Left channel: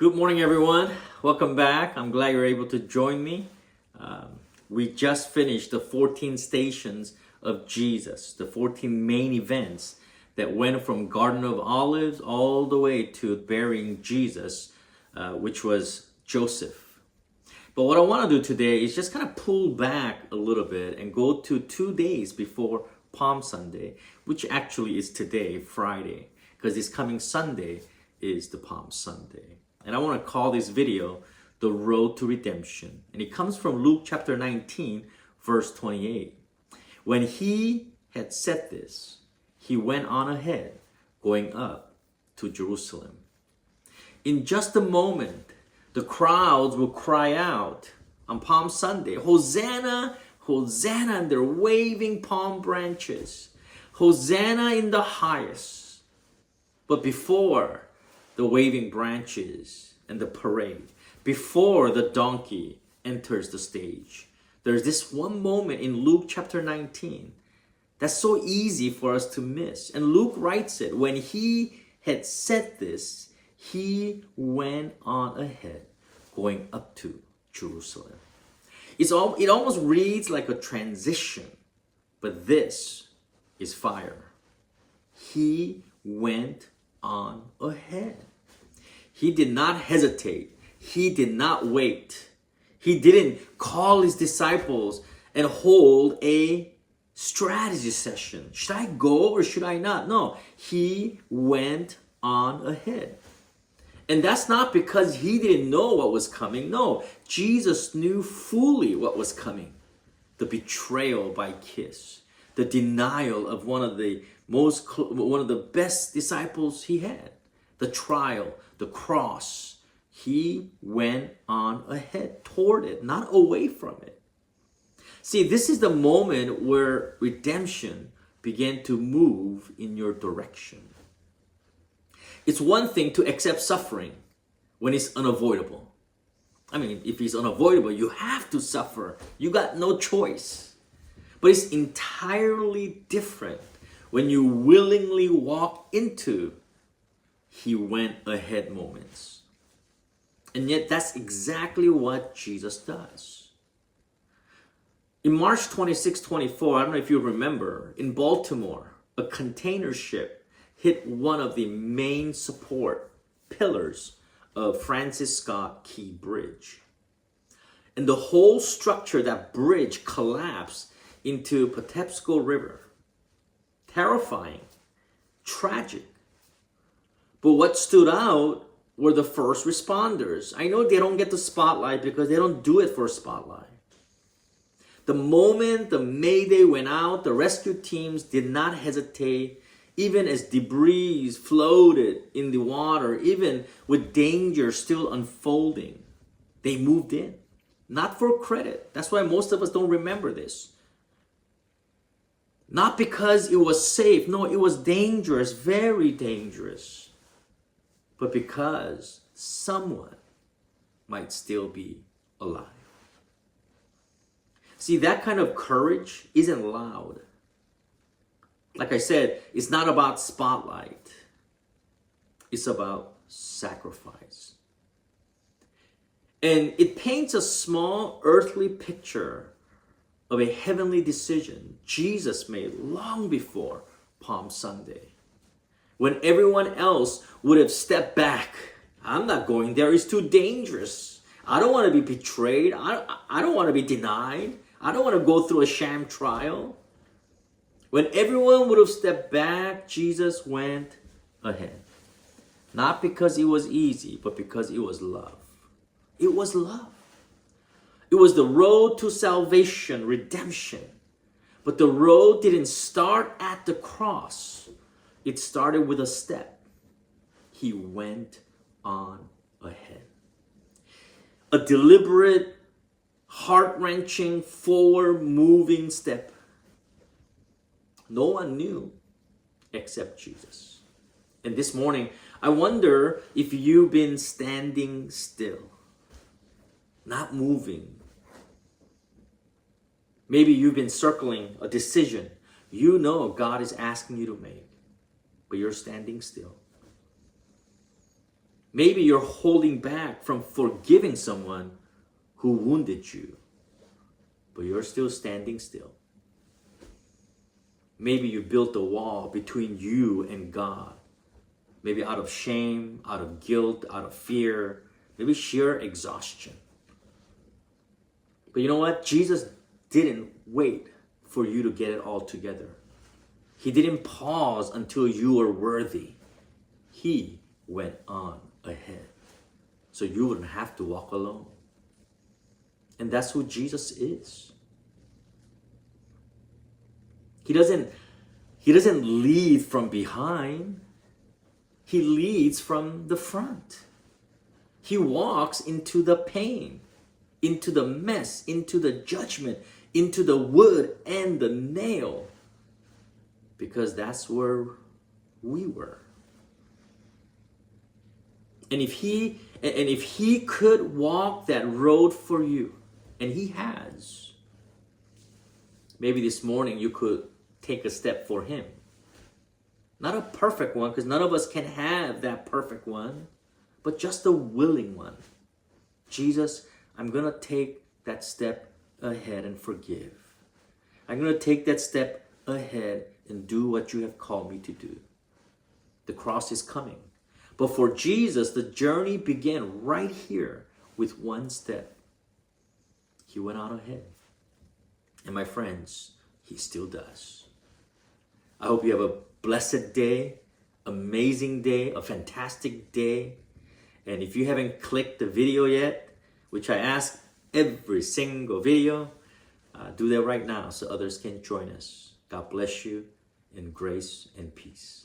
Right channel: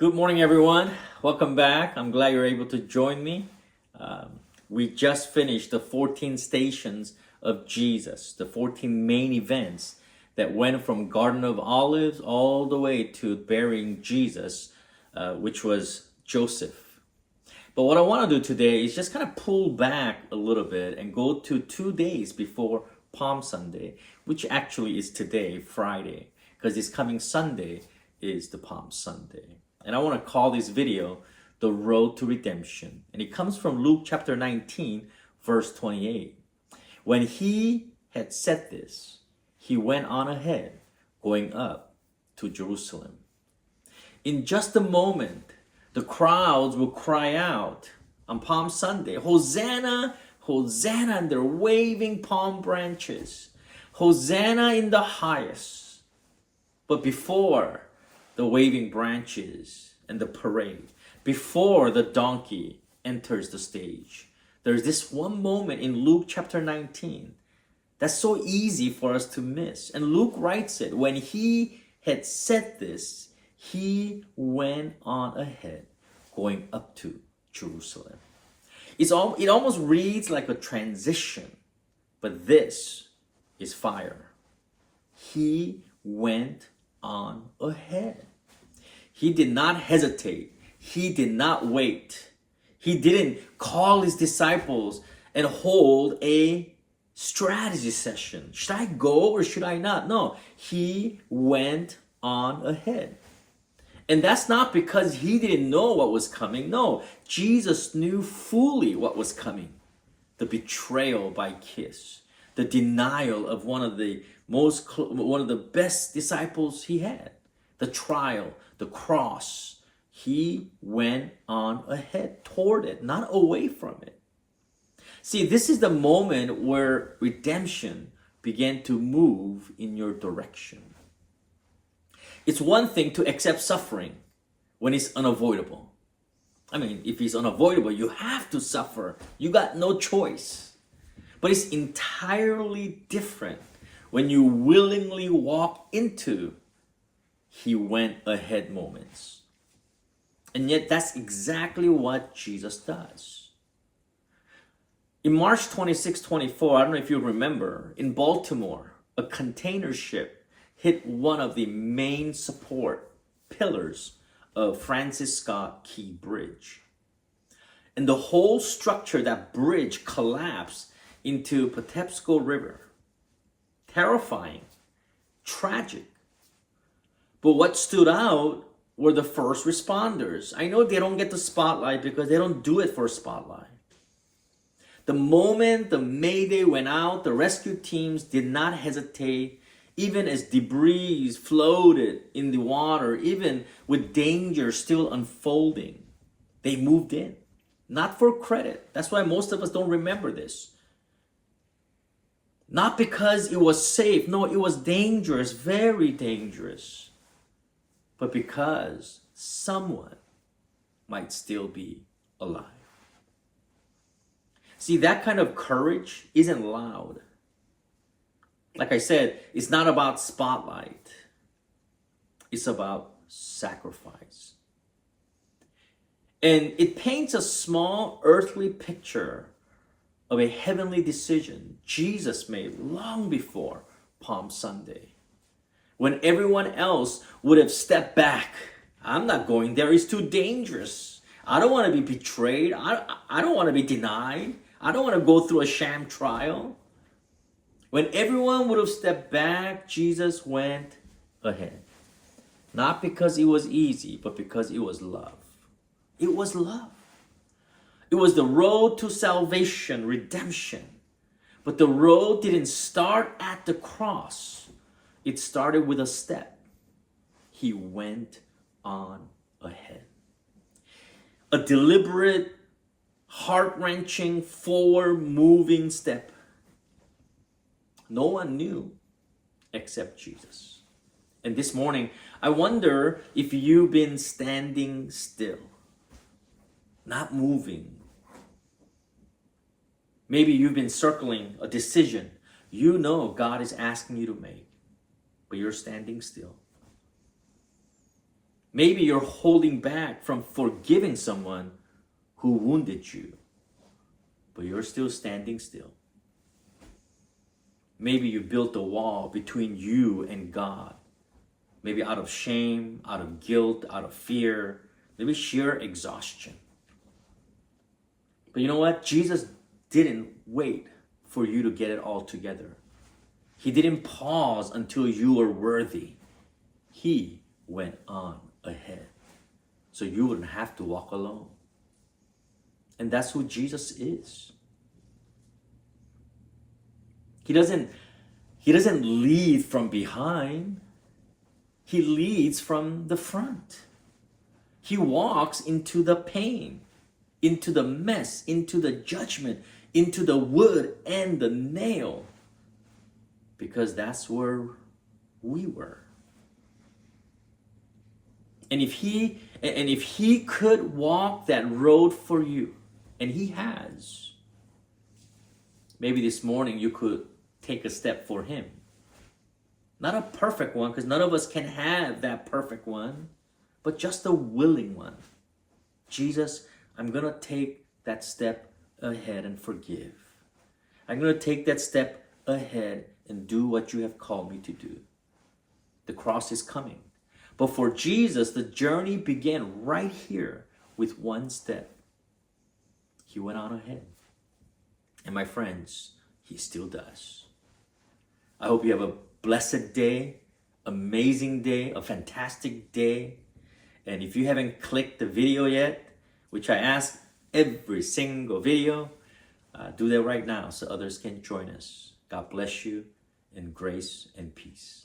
Good morning, everyone. Welcome back. I'm glad you're able to join me. We just finished the 14 stations of Jesus, the 14 main events that went from Garden of Olives all the way to burying Jesus, which was Joseph. But what I want to do today is just kind of pull back a little bit and go to 2 days before Palm Sunday, which actually is today, Friday, because this coming Sunday is the Palm Sunday. And I want to call this video The Road to Redemption. And it comes from Luke chapter 19, verse 28. When he had said this, he went on ahead, going up to Jerusalem. In just a moment, the crowds will cry out on Palm Sunday, Hosanna, Hosanna, and they're waving palm branches. Hosanna in the highest. But before the waving branches and the parade, before the donkey enters the stage, there's this one moment in Luke chapter 19 that's so easy for us to miss. And Luke writes it, when he had said this, he went on ahead, going up to Jerusalem. It almost reads like a transition, but this is fire. He went on ahead. He did not hesitate. He did not wait. He didn't call his disciples and hold a strategy session. Should I go or should I not? No, he went on ahead. And that's not because he didn't know what was coming. No, Jesus knew fully what was coming. The betrayal by Kiss, the denial of one of the best disciples he had, the trial, the cross. He went on ahead toward it, not away from it. See, this is the moment where redemption began to move in your direction. It's one thing to accept suffering when it's unavoidable. I mean, if it's unavoidable, you have to suffer. You got no choice. But it's entirely different when you willingly walk into he went ahead moments. And yet that's exactly what Jesus does. In March 26, 24, I don't know if you remember, in Baltimore, a container ship hit one of the main support pillars of Francis Scott Key Bridge. And the whole structure, that bridge, collapsed into Patapsco River. Terrifying, tragic. But what stood out were the first responders. I know they don't get the spotlight because they don't do it for a spotlight. The moment the Mayday went out, the rescue teams did not hesitate, even as debris floated in the water, even with danger still unfolding. They moved in, not for credit. That's why most of us don't remember this. Not because it was safe. No, it was dangerous, very dangerous. But because someone might still be alive. See, that kind of courage isn't loud. Like I said, it's not about spotlight. It's about sacrifice. And it paints a small earthly picture of a heavenly decision Jesus made long before Palm Sunday. When everyone else would have stepped back. I'm not going there. It's too dangerous. I don't want to be betrayed. I don't want to be denied. I don't want to go through a sham trial. When everyone would have stepped back, Jesus went ahead. Not because it was easy, but because it was love. It was love. It was the road to salvation, redemption. But the road didn't start at the cross. It started with a step. He went on ahead. A deliberate, heart-wrenching, forward-moving step. No one knew except Jesus. And this morning, I wonder if you've been standing still, not moving. Maybe you've been circling a decision you know God is asking you to make, but you're standing still. Maybe you're holding back from forgiving someone who wounded you, but you're still standing still. Maybe you built a wall between you and God. Maybe out of shame, out of guilt, out of fear, maybe sheer exhaustion. But you know what? Jesus didn't wait for you to get it all together. He didn't pause until you were worthy. He went on ahead so you wouldn't have to walk alone. And that's who Jesus is. He doesn't lead from behind. He leads from the front. He walks into the pain, into the mess, into the judgment, into the wood and the nail. Because that's where we were. And if he could walk that road for you, and he has, maybe this morning you could take a step for him. Not a perfect one, because none of us can have that perfect one, but just a willing one. Jesus, I'm going to take that step ahead and forgive. I'm going to take that step ahead and do what you have called me to do. The cross is coming. But for Jesus, the journey began right here with one step. He went on ahead. And my friends, he still does. I hope you have a blessed day, amazing day, a fantastic day. And if you haven't clicked the video yet, which I ask every single video, do that right now so others can join us. God bless you in grace and peace.